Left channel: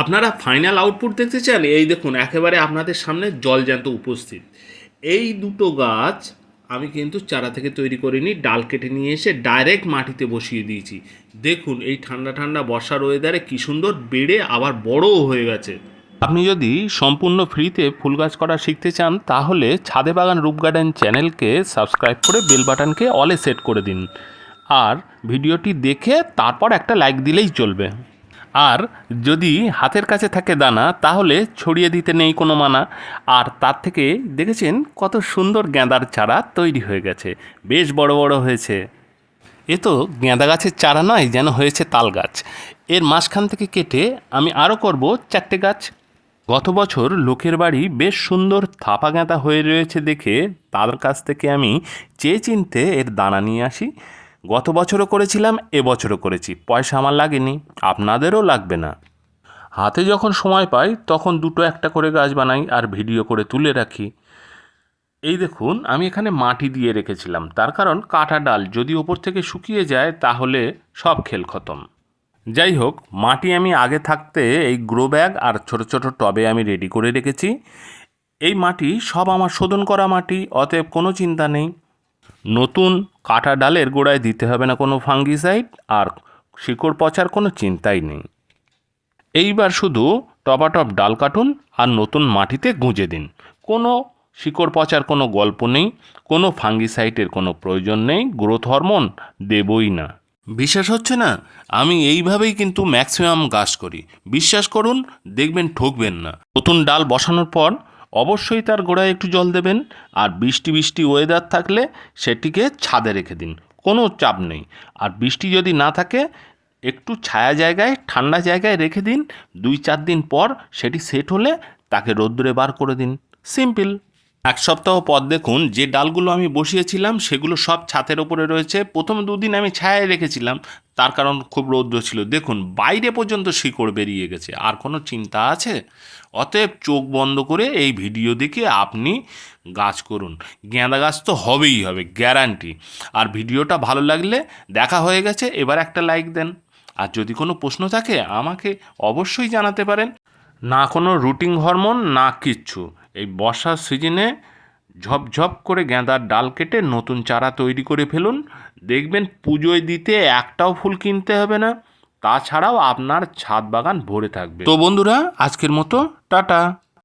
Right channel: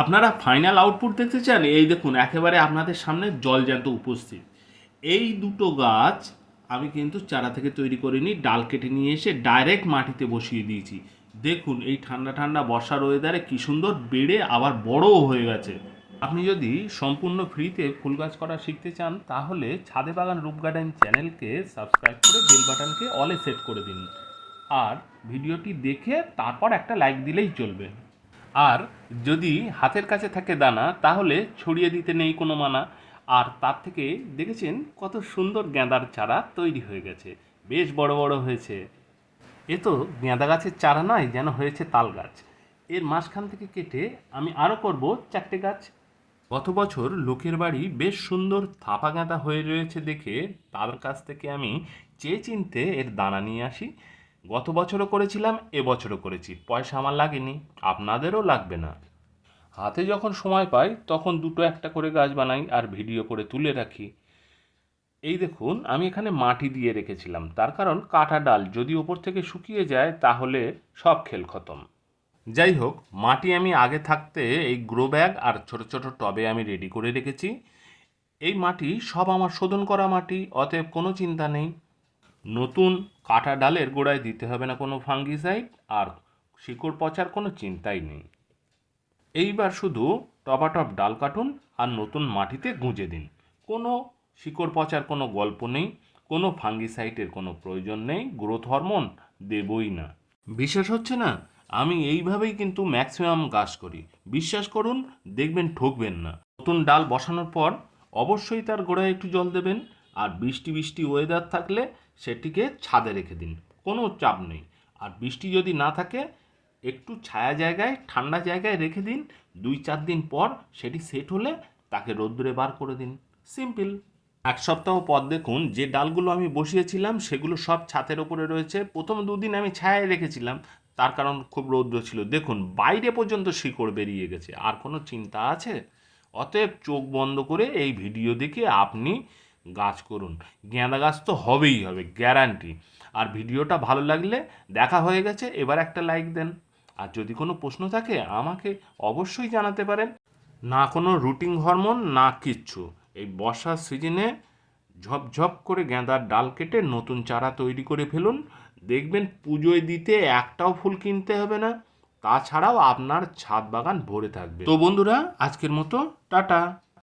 আপনারা final output দেখতে চান, এই দেখুন, একেবারে আপনাদের সামনে জলজ্যান্ত উপস্থিত। এই দুটো গাছ আমি কিন্তু চারা থেকে তৈরি করিনি, ডাল কেটে নিয়ে এসে ডাইরেক্ট মাটিতে বসিয়ে দিয়েছি। দেখুন, এই ঠান্ডা ঠান্ডা বর্ষার ওয়েদারে কী সুন্দর বেড়ে আবার বড়ও হয়ে গেছে। আপনি যদি সম্পূর্ণ ফ্রিতে ফুল গাছ করা শিখতে চান, তাহলে ছাদে বাগান রূপ গার্ডেন চ্যানেলকে সাবস্ক্রাইব করে বেল বাটনকে অলে সেট করে দিন। আর ভিডিওটি দেখে তারপর একটা লাইক দিলেই চলবে। আর যদি হাতের কাছে থাকে দানা, তাহলে ছড়িয়ে দিতে নেই কোনো মানা। আর তার থেকে দেখেছেন কত সুন্দর গেঁদার চারা তৈরি হয়ে গেছে। বেশ বড় বড় হয়েছে। এ তো গেঁদা গাছের চারা নয়, যেন হয়েছে তাল গাছ। এর মাঝখান থেকে কেটে আমি আরও করব চারটে গাছ। গত বছর লোকের বাড়ি বেশ সুন্দর থাপা গেঁদা হয়ে রয়েছে দেখে তার কাছ থেকে আমি চেয়ে চিনতে এর দানা নিয়ে আসি। গত বছরও করেছিলাম এবছরও করেছি। পয়সা আমার লাগেনি, আপনাদেরও লাগবে না। হাতে যখন সময় পাই, তখন দুটো একটা করে গাছ বানাই আর ভিডিও করে তুলে রাখি। এই দেখুন, আমি এখানে মাটি দিয়ে রেখেছিলাম। তার কারণ কাটা ডাল যদি ওপর থেকে শুকিয়ে যায়, তাহলে সব খেল খতম। যাই হোক, মাটি আমি আগে থাকতে এই গ্রো ব্যাগ আর ছোট ছোট টবে আমি রেডি করে রেখেছি। এই মাটি সব আমার শোধন করা মাটি, অতএব কোনো চিন্তা নেই। নতুন কাটা ডালের গোড়ায় দিতে হবে না কোনো ফাঙ্গিসাইড আর শিকড় পচার কোনো চিন্তাই নেই। এইবার শুধু টপাটপ ডাল কাটুন আর নতুন মাটিতে গুঁজে দিন। কোনো শিকড় পচার কোনো গল্প নেই, কোনো ফাঙ্গিসাইটের কোনো প্রয়োজন নেই, গ্রোথ হরমোন দেবই না। বিশ্বাস হচ্ছে না? আমি এইভাবেই কিন্তু ম্যাক্সিমাম গাছ করি। বিশ্বাস করুন, দেখবেন ঠকবেন না। নতুন ডাল বসানোর পর অবশ্যই তার গোড়ায় একটু জল দেবেন আর বৃষ্টি বৃষ্টি ওয়েদার থাকলে সেটিকে ছাদে রেখে দিন, কোনো চাপ নেই। আর বৃষ্টি যদি না থাকে, একটু ছায়া জায়গায়, ঠান্ডা জায়গায় রেখে দিন। দুই চার দিন পর সেটি সেট হলে তাকে রোদ্দুরে বার করে দিন। সিম্পল এক সপ্তাহ পর দেখুন যে ডালগুলো আমি বসিয়েছিলাম, সেগুলো সব ছাতের ওপরে রয়েছে। প্রথম দুদিন আমি ছায়ায় রেখেছিলাম, তার কারণ খুব রৌদ্র ছিল। দেখুন, বাইরে পর্যন্ত শিকড় বেরিয়ে গেছে, আর কোনো চিন্তা আছে? অতএব চোখ বন্ধ করে এই ভিডিও দেখে আপনি গাছ করুন। গেঁদা গাছ তো হবেই হবে, গ্যারান্টি। আর ভিডিওটা ভালো লাগলে দেখা হয়ে গেছে, এবার একটা লাইক দেন। আর যদি কোনো প্রশ্ন থাকে, আমাকে অবশ্যই জানাতে পারেন। না কোনো রুটিং হরমোন, না কিচ্ছু। এই বর্ষার সিজনে ঝপঝপ করে গেঁদার ডাল কেটে নতুন চারা তৈরি করে ফেলুন। দেখবেন পুজোয় দিতে একটাও ফুল কিনতে হবে না। তাছাড়াও আপনার ছাদ বাগান ভরে থাকবে। তো বন্ধুরা, আজকের মতো, টাটা।